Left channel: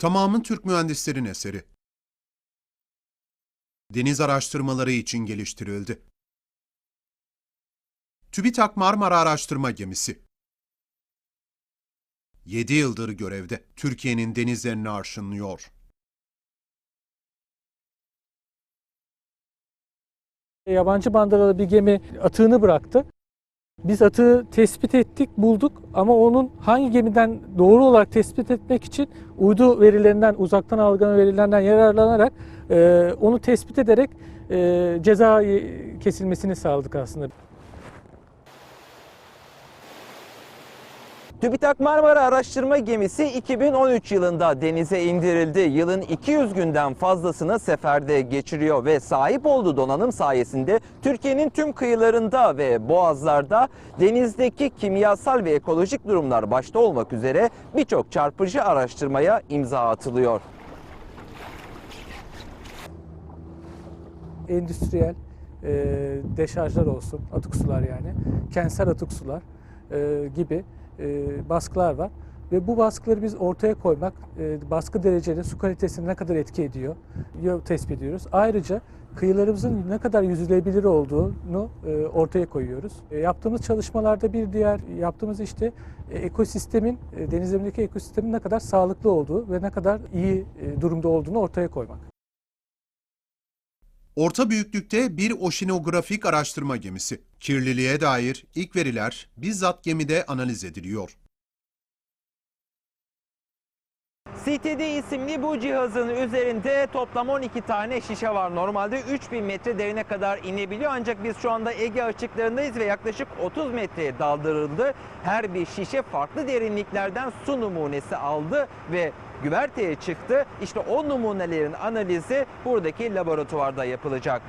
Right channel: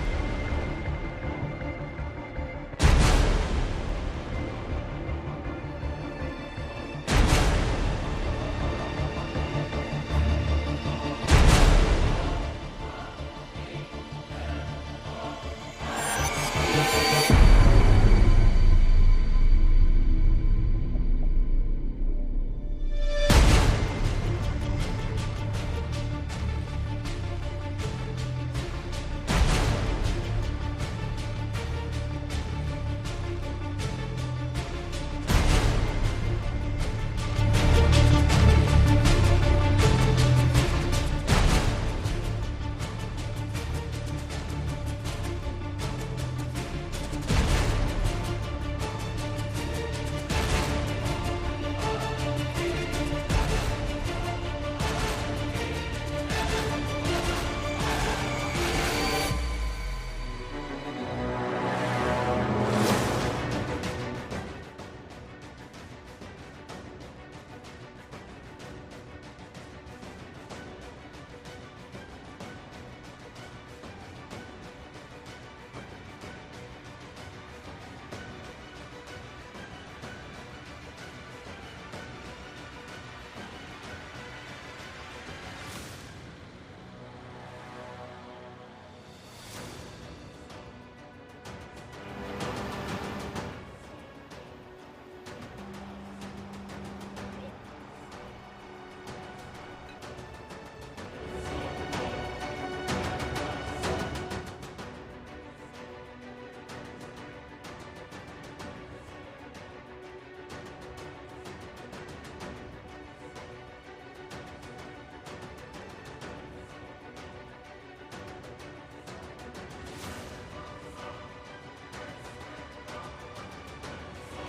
Tamamı Türk mühendislerin eseri. Deniz araştırmaları için geliştirildi. TÜBİTAK Marmara Araştırma Gemisi. 7 yıldır görevde Türkiye'nin denizlerini arşınlıyor. Yabancı bandaralı bir gemi atığını bıraktı. Biz atığı tespit ettik, bulduk ama onun hangi gemiden doğru olarak tespit etmek için uydu verilerinden, uzaktan algılama verilerinden yararlanarak e, onu tespit ederek e, ceza kesilmesini sağladık aslında. TÜBİTAK Marmara Araştırma Gemisi 2013 yılında denize indirildi. Yılın 200 günden fazlasını seferde geçiriyor ve sahip olduğu donanım sayesinde Türkiye'nin tüm kıyılarında ve boğazlarda denizdeki kimyasal ve ekolojik durumlar başta olmak üzere birçok çarpıcı araştırmaya imza atılıyor. Endüstriyel e, deşarjlar olsun, atık sular yani, kentsel atık sular e, gibi e, baskılar var. Ve bu baskıları biz ortaya koymak, e, baskı dereceleri su kalitesine ne kadar etki ediyor, yo- tespit ediyoruz. Ayrıca kıyılarımızın ne kadar yüzülebilir olduğunu e, ortaya koyuyoruz. E, yaptığımız çalışmalarda bir diğer yaptığımız işte e, ekosistemin, e, denizlerindeki ekosistemin ne kadar sağlıklı olduğu ve ne kadar iyi e, durumda olduğunu ortaya koymak. Orta büyüklükte bir oşinografik araştırma gemisi. Kirliliğe dair ilk veriler bizzat gemide analiz ediliyor. CTD isimli bu cihazın üzerinde toplam 12 tane şişe var. Normalde 3000 metre derine kadar inebiliyor ancak biz şu anda Ege açıklarındayız ve yaklaşık 30 metreye daldırıldı. Her bir şişe farklı derinliklerden su numunesi aldı ve güverteye çıktı. İşte o numunelerin analizi buradaki laboratuvarda yapılacak.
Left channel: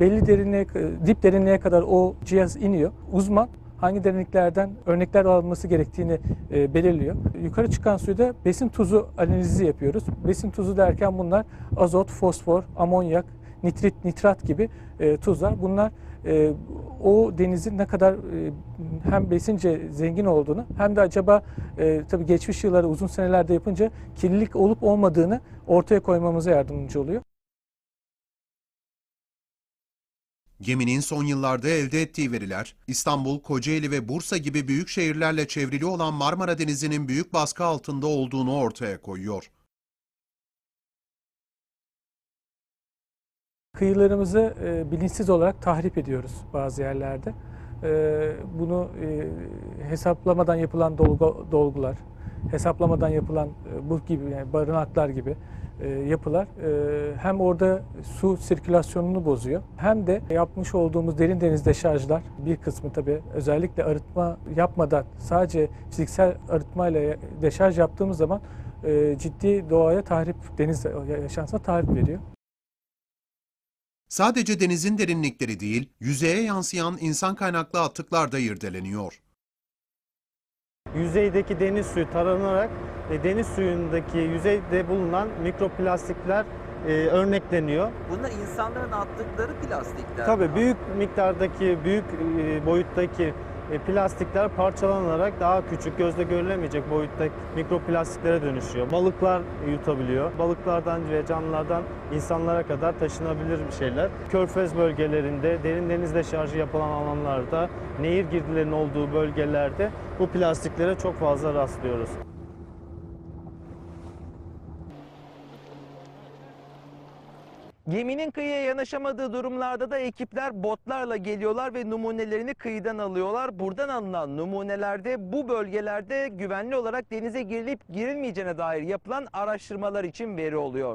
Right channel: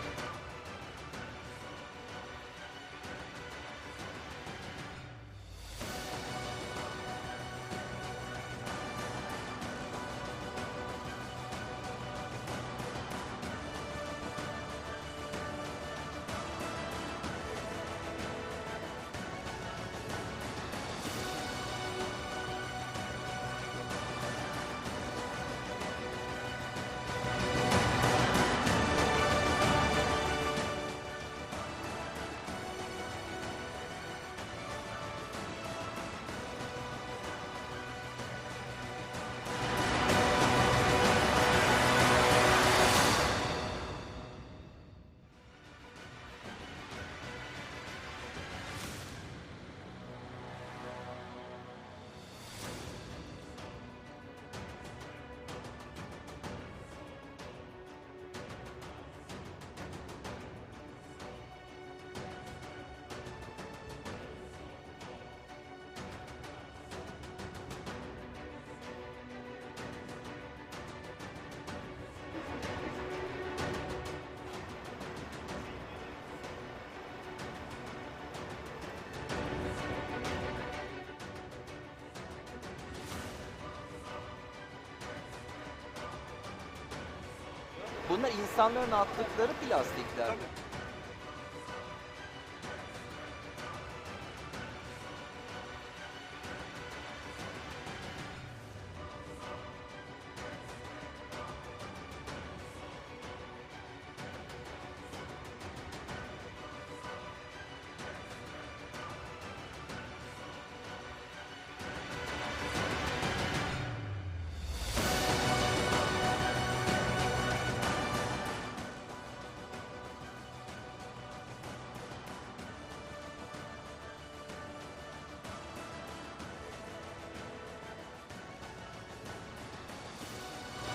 belli derinliğe, dip derinliğe kadar o cihaz iniyor. Uzman hangi derinliklerden örnekler alınması gerektiğini e, belirliyor. Yukarı çıkan suyda besin tuzu analizi yapıyoruz. Besin tuzu derken bunlar azot, fosfor, amonyak, nitrit, nitrat gibi e, tuzlar. Bunlar e, o denizin ne kadar e, hem besince zengin olduğunu hem de acaba e, tabii geçmiş yılları uzun senelerde yapınca kirlilik olup olmadığını ortaya koymamıza yardımcı oluyor. Geminin son yıllarda elde ettiği veriler, İstanbul, Kocaeli ve Bursa gibi büyük şehirlerle çevrili olan Marmara Denizi'nin büyük baskı altında olduğunu ortaya koyuyor. Kıyılarımızı e, bilinçsiz olarak tahrip ediyoruz bazı yerlerde. E, bunu e, hesaplamadan yapılan dolgu, dolgular, hesaplamadan yapılan e, bu gibi yani barınaklar gibi e, yapılar e, hem orada su sirkülasyonunu bozuyor hem de yapmış olduğumuz derin deniz deşarjdan bir kısmı tabii özellikle arıtma yapmadan sadece fiziksel arıtmayla deşarj yaptığımız zaman ciddi doğaya tahrip, deniz yaşantısına tahrip veriyor. Sadece denizin derinlikleri değil, yüzeye yansıyan insan kaynaklı atıklar da irdeleniyor. Yüzeydeki deniz suyu taranarak e, deniz suyundaki yüzeyde bulunan mikroplastikler e, örnekleniyor. Bunlar insanların attıkları plastikler. Tabii büyük miktardaki, büyük e, boyuttaki plastikler parçalanarak daha küçük, gözle görülemeyecek boyutta mikroplastiklere dönüşüyor. Balıklar yutabiliyor. Balıklardan ve canlılardan insanlara kadar taşınabilir bir şeyler. Körfez bölgelerinde, derin deniz deşarjı yapılan alanlarda, nehir girdilerinin olduğu bölgelerde bu plastiklere çok fazla rastlıyoruz. Kıyıya yanaşamadığı durumlarda da ekipler botlarla geliyorlar ve numunelerini kıyıdan alıyorlar. Buradan alınan numunelerde bu bölgelerde güvenli olarak denize girilip girilmeyeceğine dair yapılan araştırmalar için veri oluyor.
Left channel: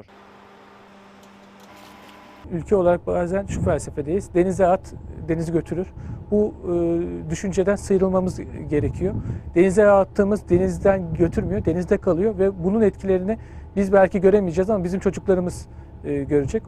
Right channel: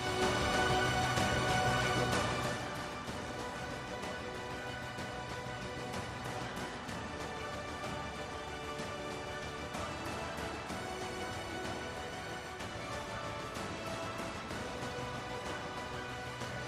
ülke olarak bazen şu felsefedeyiz. Denize at, denizi götürür. Bu e, düşünceden sıyrılmamız gerekiyor. Denize attığımız denizden götürmüyor, denizde kalıyor ve bunun etkilerini biz belki göremeyeceğiz ama bizim çocuklarımız e, görecek.